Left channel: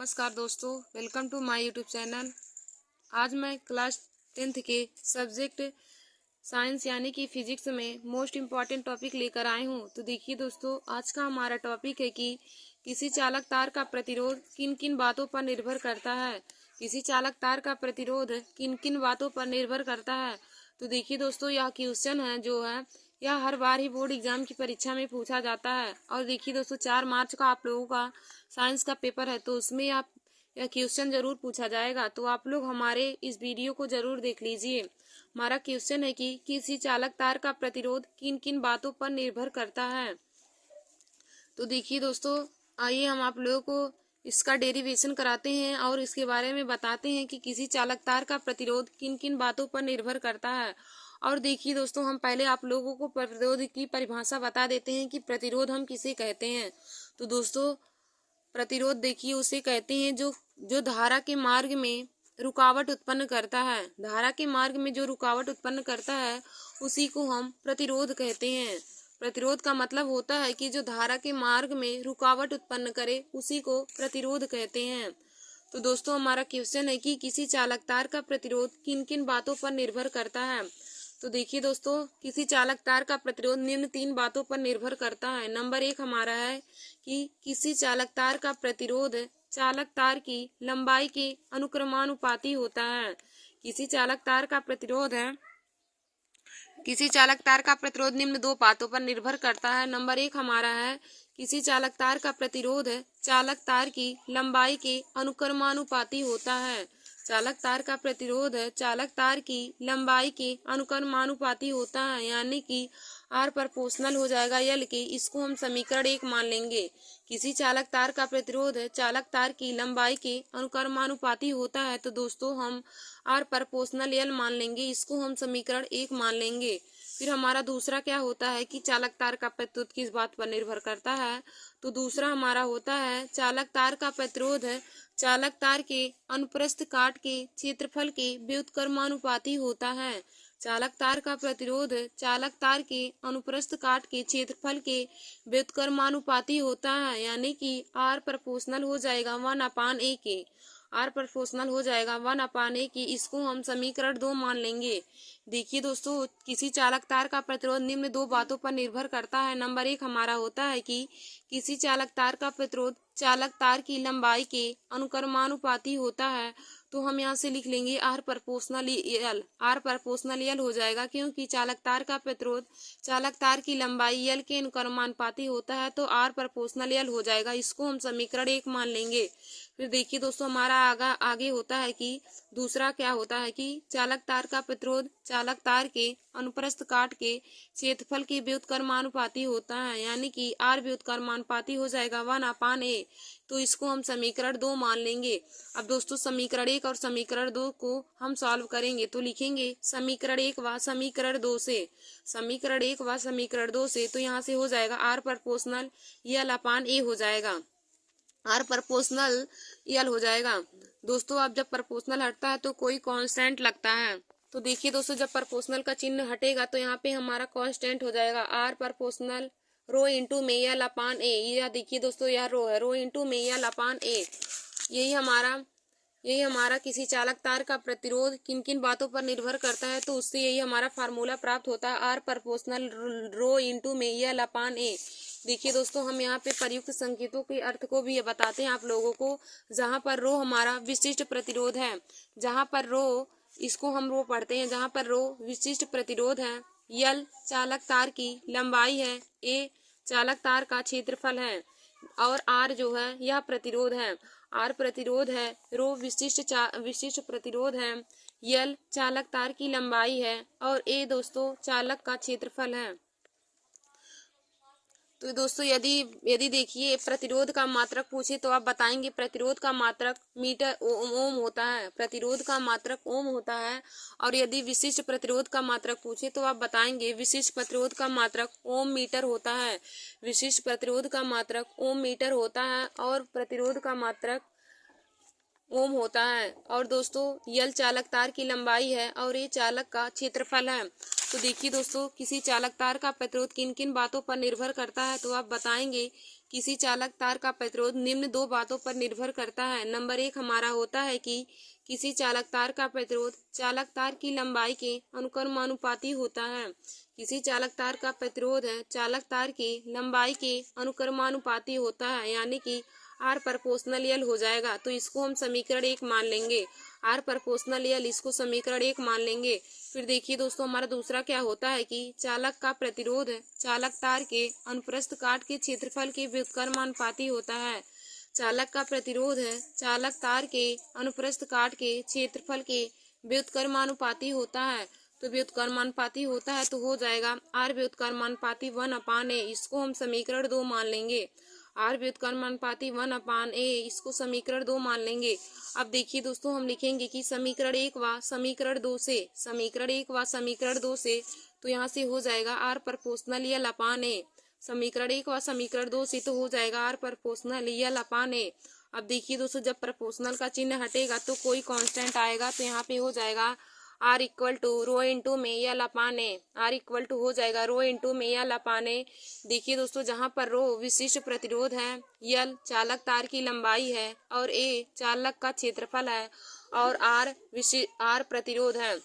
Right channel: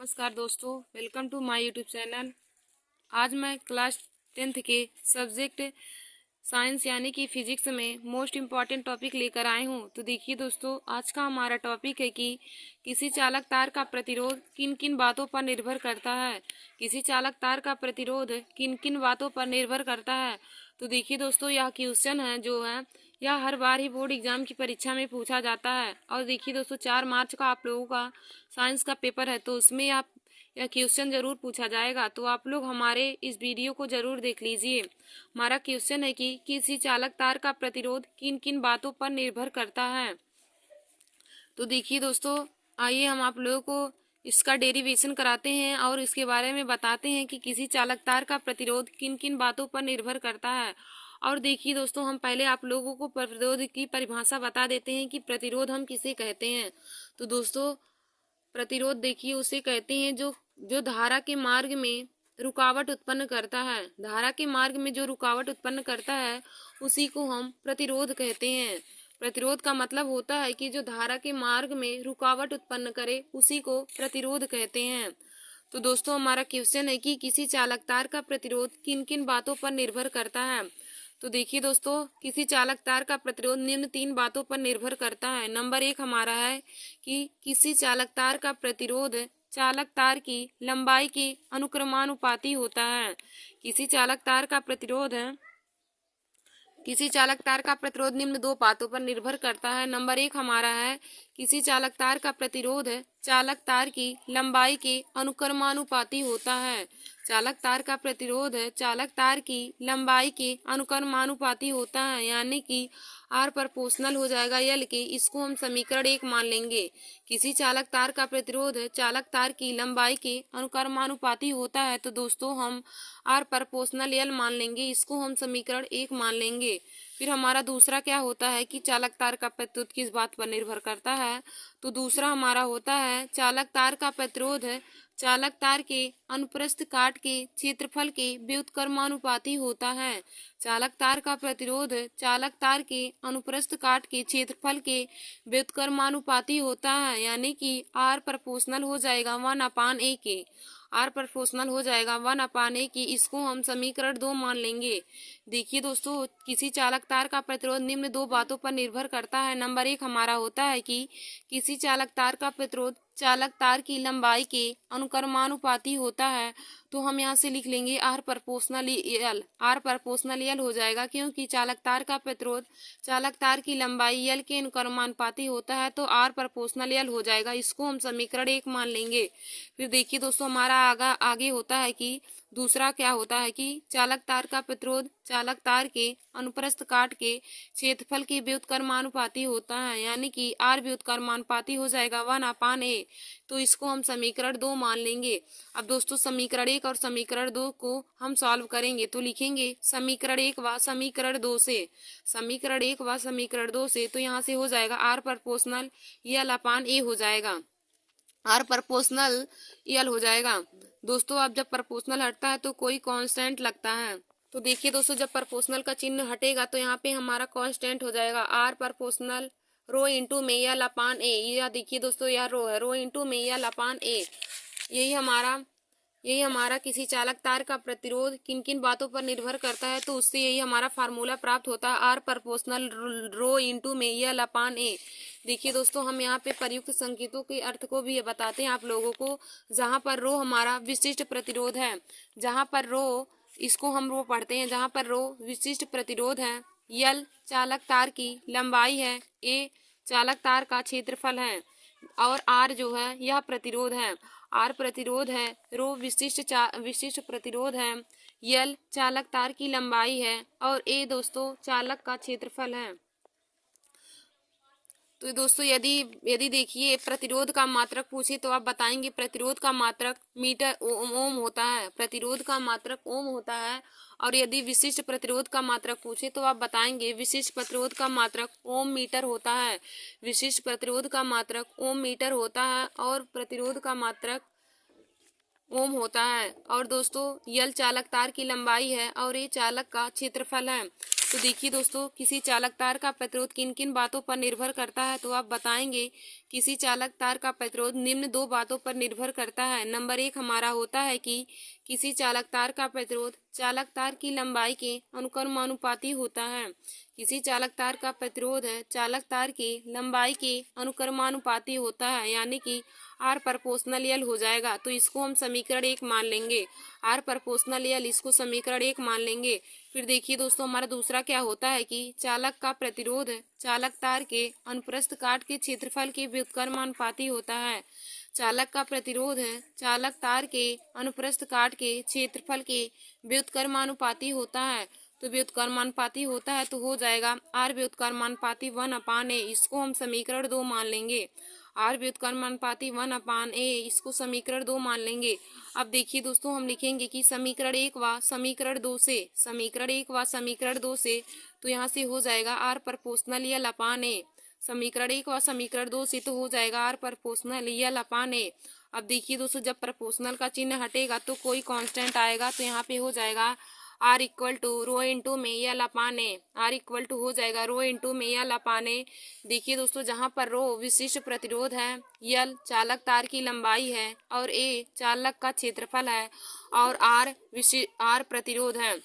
नमस्कार दोस्तों, welcome to my YouTube channel. आज मैं क्लास 10th के सब्जेक्ट साइंस यानी कि फिजिक्स में मोस्ट इम्पॉर्टेंट टॉपिक लेकर आए हूँ। तो देखिए दोस्तों, आज का हमारा टॉपिक है कि किसी चालक तार का प्रतिरोध किन किन बातों पर निर्भर करता है। किसी चालक तार का प्रतिरोध किन किन बातों पर निर्भर करता है। तो देखिए दोस्तों, यह क्वेश्चन है जो है यह हर बार ही बोर्ड एग्जाम की परीक्षा में पूछा जाता है। और देखिए दोस्तों, 4 मार्च का आप लोगों का साइंस का पेपर है, तो उसमें आप यह क्वेश्चन जरूर पूछा जाएगा। तो आप लोग हमारे इस वीडियो को जरूर देख लीजिए। हमारा क्वेश्चन है कि किसी चालक तार का प्रतिरोध किन किन बातों पर निर्भर करता है। तो देखिए दोस्तों, आइए हम आप लोगों को इसका डेरिवेशन कराते हैं और इसके बारे में बताते हैं कि किसी चालक तार का प्रतिरोध किन किन बातों पर निर्भर करता है। और देखिए दोस्तों, हम पहले आप लोगों को प्रतिरोध की परिभाषा बता देते हैं कि प्रतिरोध हम किसे कहते हैं। तो दोस्तों, प्रतिरोध देखिए उसे कहते हैं जो जो धारा के मार्ग में रुकावट उत्पन्न करता है। धारा के मार्ग में जो रुकावट उत्पन्न करता है उसी को हम प्रतिरोध कहते हैं। प्रतिरोध का मतलब होता है कि जो धारा के मार्ग में रुकावट उत्पन्न करे उसी को प्रतिरोध कहते हैं। तो दोस्तों, हमारा क्वेश्चन है कि किसी चालक तार का प्रतिरोध किन किन बातों पर निर्भर करता है। तो देखिए दोस्तों, किसी चालक तार का प्रतिरोध निम्न 3 बातों पर निर्भर करता है। नंबर 1 हमारा है कि किसी चालक तार का प्रतिरोध चालक तार की लंबाई के अनुक्रमानुपाती होता है। किसी चालक तार का प्रतिरोध है किसी चालक तार का प्रतिरोध निम्न 2 बातों पर निर्भर करता है। नंबर 1 हमारा है किसी चालक तार का प्रतिरोध चालक तार की लंबाई के अनुक्रमानुपाती होता है। चालक तार का प्रतिरोध चालक तार की लंबाई के अनुक्रमानुपाती होता है, यानी कि आर प्रोपोर्शनल हो जाएगा एल के। इसको हम समीकरण 1 मान लेंगे। किसी चालक तार का प्रतिरोध चालक तार की लंबाई के अनुक्रमानुपाती होता है, तो दोस्तों हम आर प्रोपोर्शनल एल मान लेंगे। इसको हम समीकरण 1 मान लेंगे। फिर हमारा दूसरा क्या होता है कि चालक तार का प्रतिरोध किस बात पर निर्भर करता है। तो दूसरा हमारा होता है चालक तार का प्रतिरोध चालक तार के अनुप्रस्थ काट के क्षेत्रफल के व्युत्क्रमानुपाती होता है। चालक तार का प्रतिरोध चालक तार के अनुप्रस्थ काट के क्षेत्रफल के व्युत्क्रमानुपाती होता है, यानी कि आर प्रोपोर्शनल हो जाएगा 1/a के। आर प्रोपोर्शनल हो जाएगा 1/a की। इसको हम समीकरण 2 मान लेंगे। देखिए दोस्तों, किसी चालक तार का प्रतिरोध निम्न 2 बातों पर निर्भर करता है। नंबर 1 हमारा होता है कि किसी चालक तार का प्रतिरोध चालक तार की लंबाई के अनुक्रमानुपाती होता है। तो हम यहाँ से लिख लेंगे R proportional L. R proportional L हो जाएगा क्योंकि चालक तार का प्रतिरोध चालक तार की लंबाई एल के अनुक्रमानुपाती होता है, तो आर प्रोपोर्शनल एल हो जाएगा। इसको हम समीकरण 1 मान लेंगे। फिर देखिए दोस्तों, हमारा आगे होता है कि दूसरा क्या होता है कि चालक तार का प्रतिरोध चालक तार के अनुप्रस्थ काट के क्षेत्रफल के व्युत्क्रमानुपाती होता है, यानी कि आर व्युत्क्रमानुपाती हो जाएगा 1/a। तो इसको हम समीकरण 2 मान लेंगे। अब दोस्तों, समीकरण 1 और समीकरण 2 को हम सॉल्व करेंगे। तो लिखेंगे समीकरण 1 व समीकरण 2 से। समीकरण 1 व समीकरण 2 से तो यहाँ से हो जाएगा आर प्रोपोर्शनल एल/a हो जाएगा। आर प्रोपोर्शनल एल हो जाएगा। दोस्तों, अब जब प्रोपोर्शनल हटता है तो कोई कांस्टेंट लगता है। तो देखिए दोस्तों, जब प्रोपोर्शनल का चिन्ह हटेगा तो यहाँ पे हमारा कांस्टेंट हो जाएगा आर प्रोपोर्शनल रो इंटू में एल/a। यह देखिए दोस्तों, यह रो है, रो इंटू में एल/a। यही हमारा किसी चालक तार का प्रतिरोध किन किन बातों पर निर्भर करता है, तो उससे यही हमारा फार्मूला प्राप्त होता है आर प्रोपोर्शनल रो इंटू में एल/a। देखिए दोस्तों, हम यहाँ पे प्रयुक्त संकेतों के अर्थ को भी बताते हैं आप लोगों को। जहाँ पर रो हमारा विशिष्ट प्रतिरोध है, जहाँ पर रो इसको हम रो पढ़ते हैं, जहाँ पर रो विशिष्ट प्रतिरोध है, एल चालक तार की लंबाई है, ए चालक तार का क्षेत्रफल है, और आर जो है यह प्रतिरोध है। आर प्रतिरोध है, रो विशिष्ट प्रतिरोध है, एल चालक तार की लंबाई है, और ए दोस्तों चालक का क्षेत्रफल है। तो दोस्तों, यदि देखिए प्रतिरोध का मात्रक पूछे तो आप बताएंगे प्रतिरोध का मात्रक मीटर ओम होता है। प्रतिरोध का मात्रक ओम होता है। और यदि विशिष्ट प्रतिरोध का मात्रक पूछे तो आप बताएंगे विशिष्ट प्रतिरोध का मात्रक ओम मीटर होता है। विशिष्ट प्रतिरोध का मात्रक ओम मीटर होता है और प्रतिरोध का मात्रक ओम होता है। और दोस्तों, यल चालक तार की लंबाई है और ये चालक का क्षेत्रफल है। तो देखिए दोस्तों, किसी चालक तार का प्रतिरोध किन किन बातों पर निर्भर करता है, तो आप बताएंगे किसी चालक तार का प्रतिरोध निम्न दो बातों पर निर्भर करता है। नंबर 1 हमारा होता है कि किसी चालक तार का प्रतिरोध चालक तार की लंबाई के अनुक्रमानुपाती होता है। किसी चालक तार का प्रतिरोध है चालक तार की लंबाई के अनुक्रमानुपाती होता है, यानी कि आर प्रोपोर्शनल एल हो जाएगा। तो इसको हम समीकरण 1 मान लेंगे। आर प्रोपोर्शनल एल, इसको समीकरण 1 मान लेंगे। फिर देखिए दोस्तों, हमारा दूसरा क्या होता है कि चालक का प्रतिरोध चालक तार के अनुप्रस्थ काट के क्षेत्रफल के व्युत्क्रमानुपाती होता है। चालक का प्रतिरोध चालक तार के अनुप्रस्थ काट के क्षेत्रफल के व्युत्क्रमानुपाती होता है। तो व्युत्क्रमानुपाती होता है तो हो जाएगा आर व्युत्क्रमानुपाती 1/a। इसको हम समीकरण 2 मान लेंगे। आर व्युत्क्रमानुपाती 1/a, इसको समीकरण 2 मान लेंगे। अब देखिए दोस्तों, हम लिखेंगे कि समीकरण 1 व समीकरण 2 से तो यहाँ से हो जाएगा आर प्रोपोर्शनल एल अपान ए। समीकरण 1 व समीकरण 2 से तो हो जाएगा आर प्रोपोर्शनल एल अपान ए। अब देखिए दोस्तों, जब प्रोपोर्शनल का चिन्ह हटेगा तो कोई कांस्टेंट आएगा, तो यहाँ पे हो जाएगा R equal to rho into में L upon A. R equal to हो जाएगा रो इंटू में एल अपान ए। देखिए दोस्तों, जहाँ पर रो विशिष्ट प्रतिरोध है, एल चालक तार की लंबाई है और ए चालक का क्षेत्रफल है और आर प्रतिरोध है।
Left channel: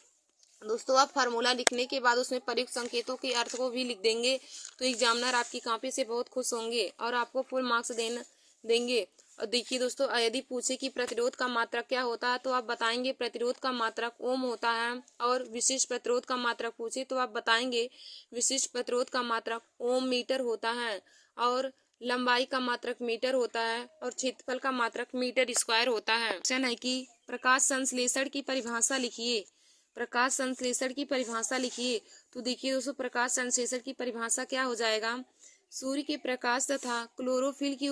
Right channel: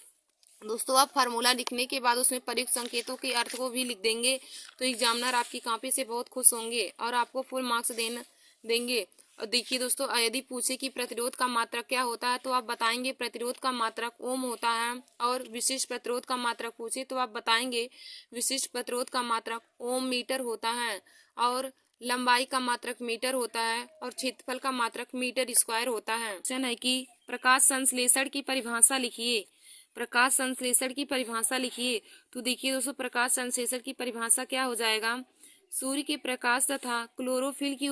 दोस्तों, आप फार्मूला लिखने के बाद उसमें प्रयुक्त संकेतों के अर्थ को भी लिख देंगे तो एग्जामिनर आपकी कॉपी से बहुत खुश होंगे और आपको फुल मार्क्स देंगे। और देखिए दोस्तों, यदि पूछे कि प्रतिरोध का मात्रक क्या होता है तो आप बताएंगे प्रतिरोध का मात्रक ओम होता है, और विशिष्ट प्रतिरोध का मात्रक पूछे तो आप बताएंगे विशिष्ट प्रतिरोध का मात्रक ओम मीटर होता है, और लंबाई का मात्रक मीटर होता है, और क्षेत्रफल का मात्रक मीटर स्क्वायर होता है। क्वेश्चन है कि प्रकाश संश्लेषण की परिभाषा लिखिए। प्रकाश संश्लेषण की परिभाषा लिखिए। तो देखिए दोस्तों, प्रकाश संश्लेषण की परिभाषा क्या हो जाएगा, सूर्य के प्रकाश तथा क्लोरोफिल की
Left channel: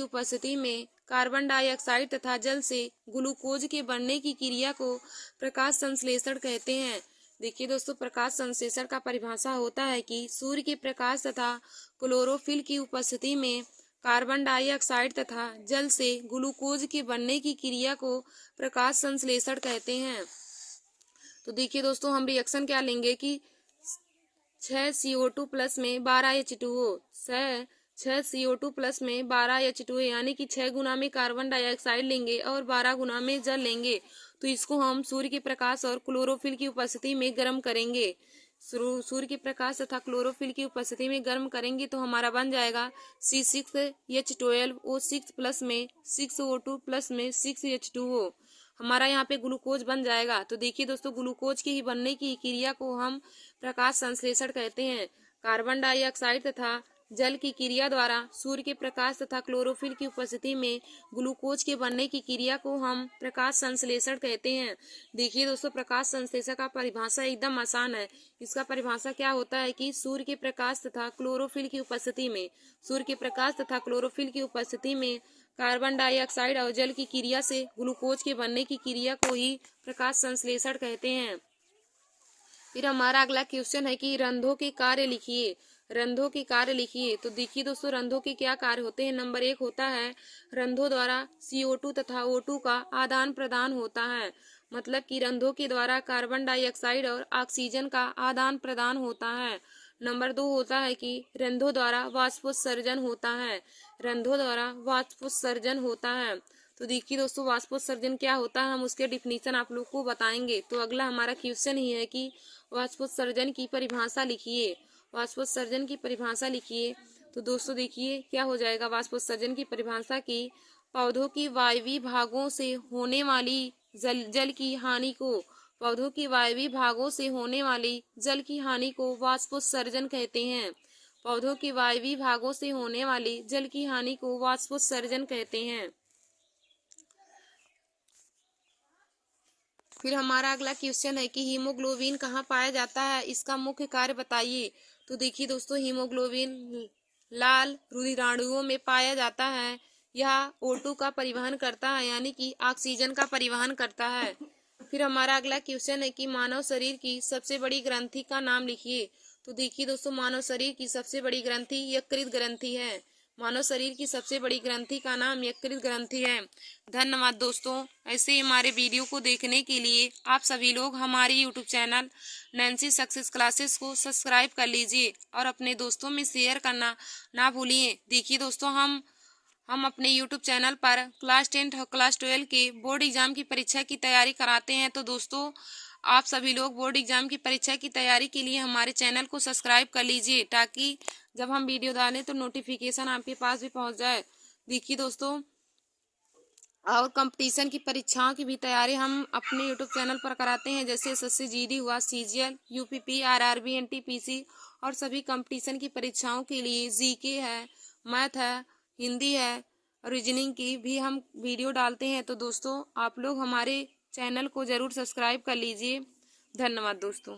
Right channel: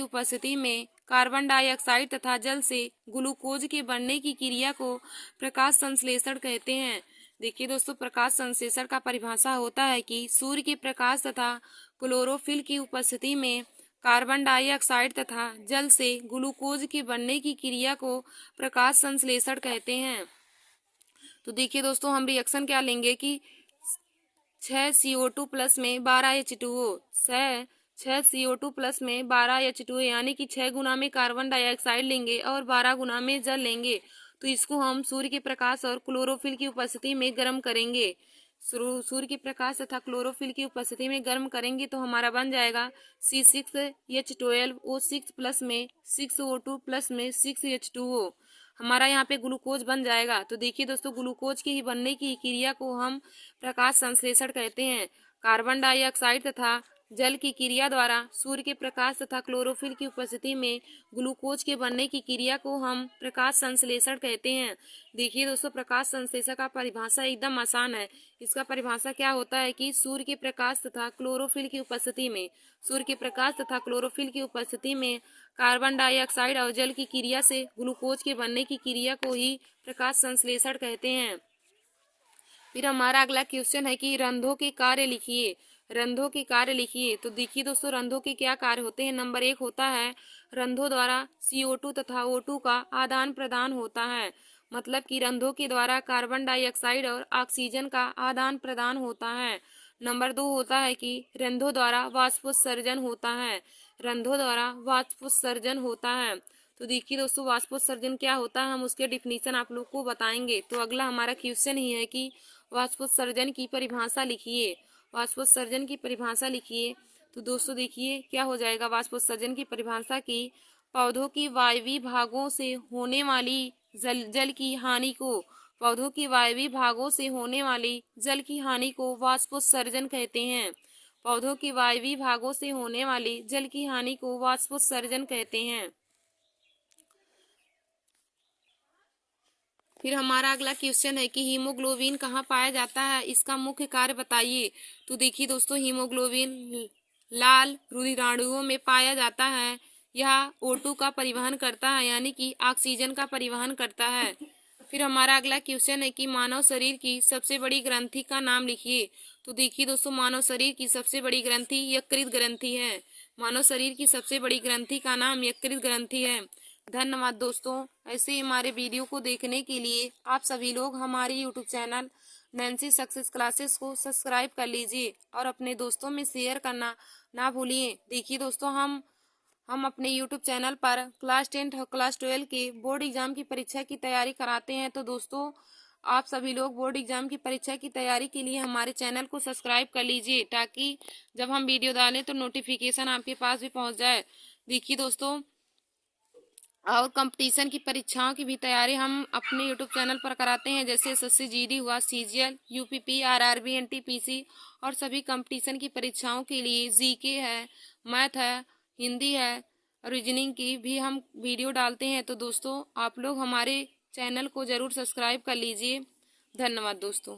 उपस्थिति में कार्बन डाइऑक्साइड तथा जल से ग्लूकोज के बनने की क्रिया को प्रकाश संश्लेषण कहते हैं। देखिए दोस्तों, प्रकाश संश्लेषण का परिभाषा होता है कि सूर्य के प्रकाश तथा क्लोरोफिल की उपस्थिति में कार्बन डाइऑक्साइड तथा जल से ग्लूकोज के बनने की क्रिया को प्रकाश संश्लेषण कहते हैं। तो देखिए दोस्तों, हम रिएक्शन क्या लेंगे कि 6 CO2 प्लस में 12 H2O, 6 CO2 प्लस में 12 H2O, यानी कि 6 गुना में कार्बन डाइऑक्साइड लेंगे और 12 गुना में जल लेंगे। तो इसको हम सूर्य के प्रकाश और क्लोरोफिल की उपस्थिति में गर्म करेंगे। सूर्य के प्रकाश तथा क्लोरोफिल की उपस्थिति में गर्म करेंगे तो हमारा बन जाएगा C6H12O6 प्लस में 6O2 प्लस में 6H2O। हमारा यहाँ पे ग्लूकोज बन जाएगा। तो देखिए दोस्तों, ग्लूकोज के ही बनने की क्रिया को हम प्रकाश संश्लेषण कहते हैं। कार्बन डाइऑक्साइड तथा जल की क्रिया द्वारा सूर्य के प्रकाश तथा क्लोरोफिल की उपस्थिति में ग्लूकोज के बनने की क्रिया को हम प्रकाश संश्लेषण कहते हैं। देखिए दोस्तों, प्रकाश संश्लेषण का परिभाषा एकदम आसान है। इसका परिभाषा क्या होता है कि सूर्य के प्रकाश तथा क्लोरोफिल की उपस्थिति में कार्बन डाइऑक्साइड और जल की क्रिया से ग्लूकोज के बनने की क्रिया को ही प्रकाश संश्लेषण कहते हैं। फिर हमारा अगला क्वेश्चन है कि रंध्रों के कार्य लिखिए। तो देखिए दोस्तों, रंध्रों के क्या कार्य होते हैं। नंबर 1 होता है रंध्रों द्वारा CO2 तथा O2 का आदान प्रदान होता है। मतलब कि रंध्रों के द्वारा कार्बन डाइऑक्साइड और ऑक्सीजन का आदान प्रदान होता है। नंबर 2 होता है कि रंध्रों द्वारा वाष्पोत्सर्जन होता है। तो देखिए दोस्तों, वाष्पोत्सर्जन क्या होता है, हम उसके डिफिनीशन आप लोग को बताएंगे। तो अगला हमारा क्वेश्चन ही है कि वाष्पोत्सर्जन की परिभाषा लिखिए। तो दोस्तों देखिए क्या हो जाएगा वाष्पोत्सर्जन की परिभाषा की, पौधों की वायवीय भागों से होने वाली जल की हानि को वाष्पोत्सर्जन कहते हैं। पौधों की वायवीय भागों से होने वाली जल की हानि को वाष्पोत्सर्जन कहते हैं। फिर हमारा अगला क्वेश्चन है कि हीमोग्लोबिन कहाँ पाया जाता है, इसका मुख्य कार्य बताइए। तो देखिए दोस्तों, हीमोग्लोबिन लाल रुधिराणुओं में पाया जाता है। यह O2 का परिवहन करता है, यानी कि ऑक्सीजन का परिवहन करता है। फिर हमारा अगला क्वेश्चन है कि मानव शरीर की सबसे बड़ी ग्रंथि का नाम लिखिए। तो देखिए दोस्तों, मानव शरीर की सबसे बड़ी ग्रंथि यकृत ग्रंथि है। मानव शरीर की सबसे बड़ी ग्रंथि का नाम यकृत ग्रंथि है। धन्यवाद दोस्तों। ऐसे ही हमारे वीडियो को देखने के लिए आप सभी लोग हमारे YouTube channel Nancy success classes को सब्सक्राइब कर लीजिए और अपने दोस्तों में शेयर करना ना भूलिए। देखिए दोस्तों, हम अपने यूट्यूब चैनल पर क्लास 10 और क्लास 12 के बोर्ड एग्जाम की परीक्षा की तैयारी कराते हैं। तो दोस्तों, आप सभी लोग बोर्ड एग्जाम की परीक्षा की तैयारी के लिए हमारे चैनल को सब्सक्राइब कर लीजिए, ताकि जब हम वीडियो डालें तो नोटिफिकेशन आपके पास भी पहुंच जाए। देखिए दोस्तों, और कंपटीशन की परीक्षाओं की भी तैयारी हम अपने यूट्यूब चैनल पर कराते हैं, जैसे एसएससी जीडी हुआ, सीजीएल, यूपीपी, आरआरबी, एनटीपीसी और सभी कंपटीशन की परीक्षाओं के लिए जीके है, मैथ है, हिंदी है, रीजनिंग की भी हम वीडियो डालते हैं। तो दोस्तों, आप लोग हमारे चैनल को ज़रूर सब्सक्राइब कर लीजिए। धन्यवाद दोस्तों।